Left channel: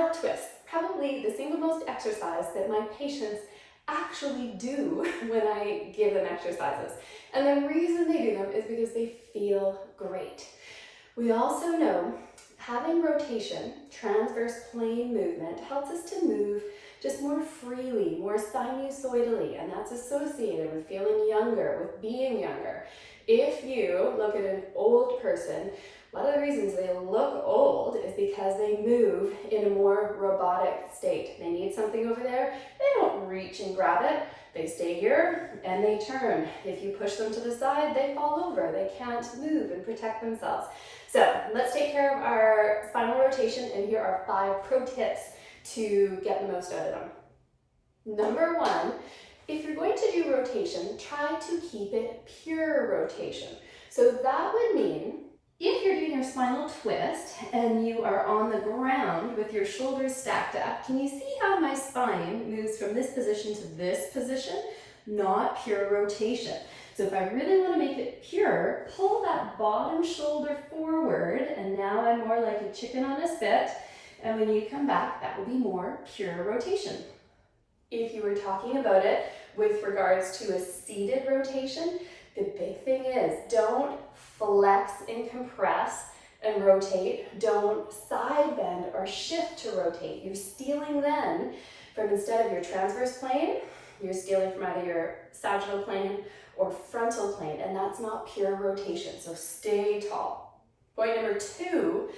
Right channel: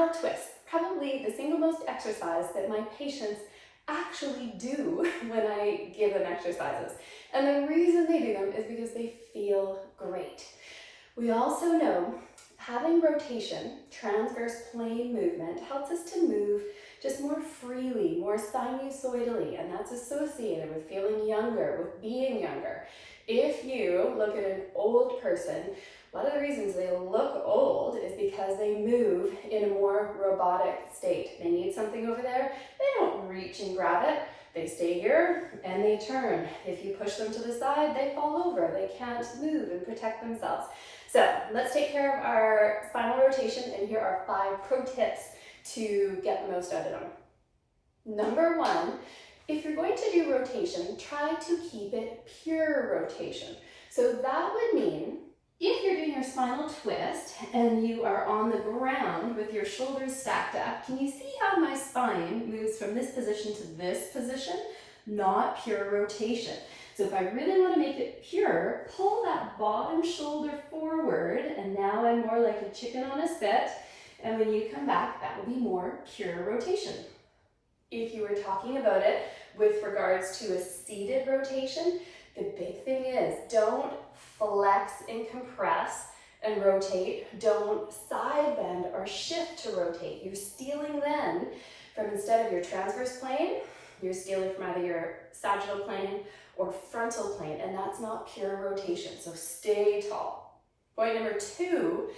spinal twists, probably the single most exercise that my patients actually do when I give them exercises. And the reason they do them is because they feel great. We also know having rotation, transverse plane movement, helps us to move just more freely, more sinusoidally, and that's associated with feeling younger, with being younger. If you look at an old person, one of the reasons they look old is because they move in a more robotic state. They need something over there, they don't reach and grab it. They stay here and they turn. If you push them to the side, they fall over. They can't move and protect themselves. So let's take care of our spinal rotation, and here are 5 pro tips to get the most out of them. Number 1, if you're going to do rotation, try to keep it pure rotation. So that would mean if you're doing your spinal twist and you are on the ground with your shoulders stacked up, can you see how my spine moves from this position to this position? Not pure rotation. So if I really want to make it pure, pull that bottom shoulder forward, and now I'm more like a chicken on a spit. And when you come back, that will be more pure rotation. If you were talking about it with regards to a seated rotation, the big thing is don't flex and compress and rotate. Don't side bend or shift to rotate. You're stealing then from, instead of your transverse plane, you're stealing from either your sagittal plane or frontal plane, and that's not pure rotation, so stay tall. Point number 2,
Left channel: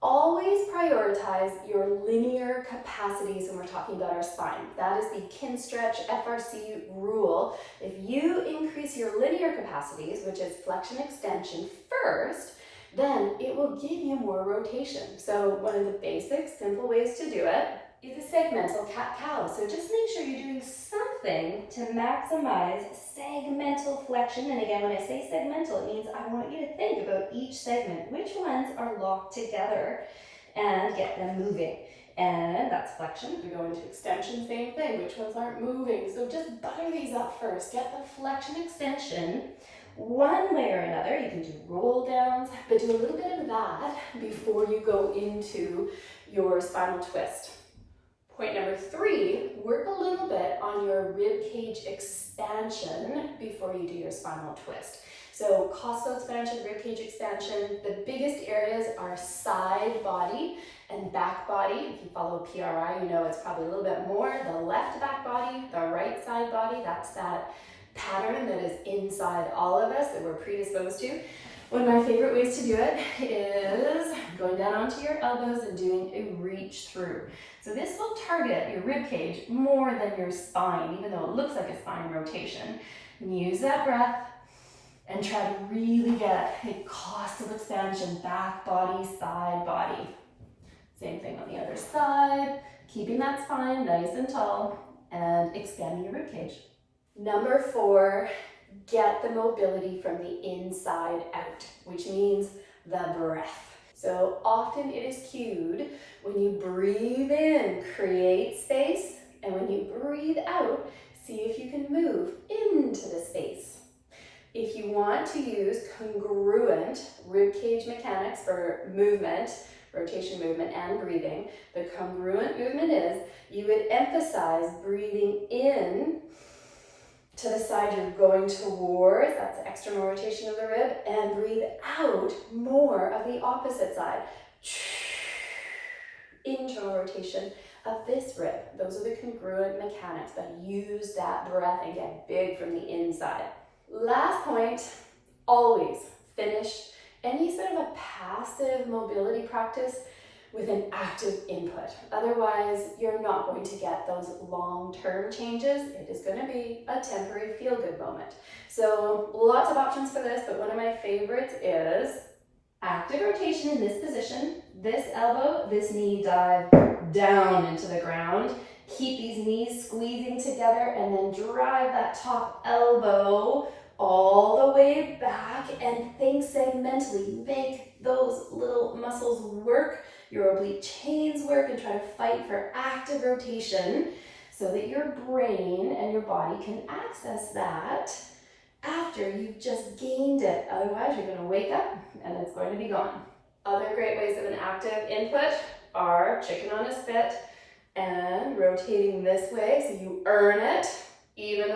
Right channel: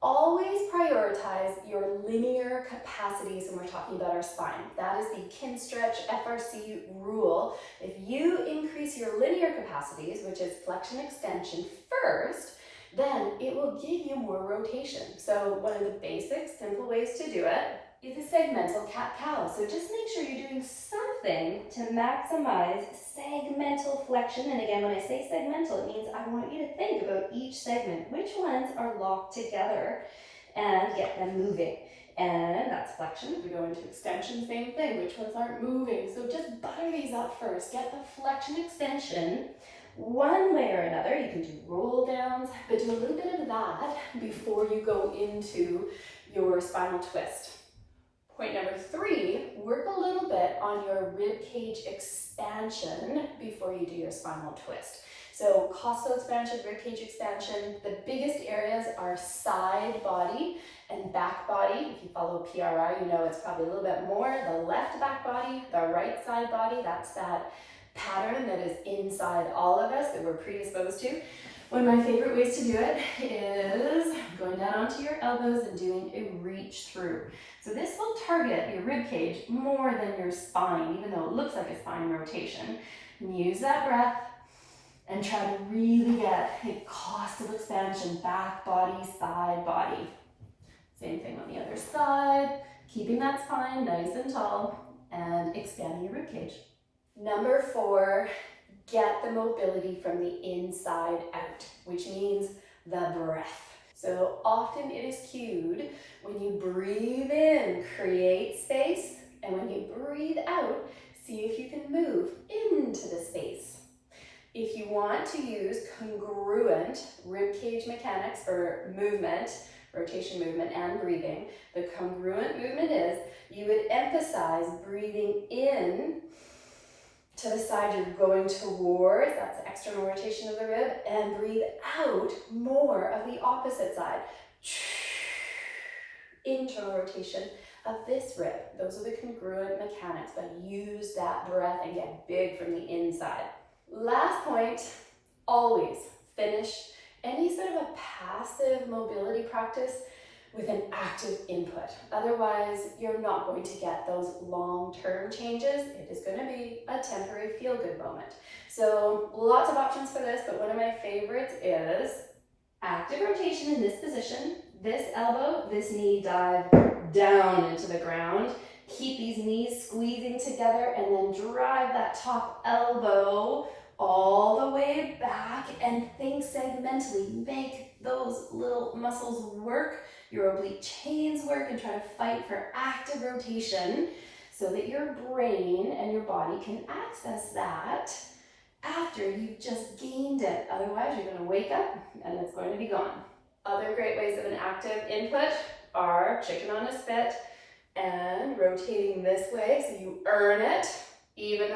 always prioritize your linear capacities when we're talking about our spine. That is the Kinstretch FRC rule. If you increase your linear capacities, which is flexion extension first, then it will give you more rotation. So one of the basic, simple ways to do it is a segmental cat-cow. So just make sure you're doing something to maximize segmental flexion. And again, when I say segmental, it means I want you to think about each segment, which ones are locked together, and get them moving. And that's flexion. We go into extension, same thing, which ones aren't moving. So just butter these up first. Get the flexion extension one way or another. You can do roll downs, but do a little bit of that before you go into your spinal twist. Point number 3, work a little bit on your rib cage expansion before you do your spinal twist. So costal expansion, rib cage expansion, the biggest areas are side body and back body. If you follow PRI, you know it's probably a little bit more. The left back body, the right side body, that's that pattern that is inside all of us that we're predisposed to. One of my favorite ways to do it is going down onto your elbows and doing a reach through. So this will target your rib cage more than your spine, even though it looks like a spine rotation. And use that breath and try to really get a costal expansion, back body, side body. Same thing on the other side, keeping that spine nice and tall and expanding your rib cage. Number 4, get the mobility from the inside out, which means the breath. So often it is cued when you breathe in, create space, and when you breathe out, see if you can move into the space. If you want to use congruent rib cage mechanics for movement, rotation movement and breathing, the congruent movement is you would emphasize breathing in to the side you're going towards, that's external rotation of the rib, and breathe out more of the opposite side. Internal rotation of this rib. Those are the congruent mechanics, but use that breath and get big from the inside. Last point, always finish any sort of a passive mobility practice with an active input. Otherwise, you're not going to get those long-term changes. It is going to be a temporary feel-good moment. So lots of options for this, but one of my favorites is active rotation in this position. This elbow, this knee dive down into the ground. Keep these knees squeezing together and then drive that top elbow all the way back and think segmentally. Make those little muscles work, your oblique chains work, and try to fight for active rotation so that your brain and your body can access that after you've just gained it. Otherwise, you're going to wake up and it's going to be gone. Other great ways of an active input, our chicken on a spit and rotating this way so you earn it. Even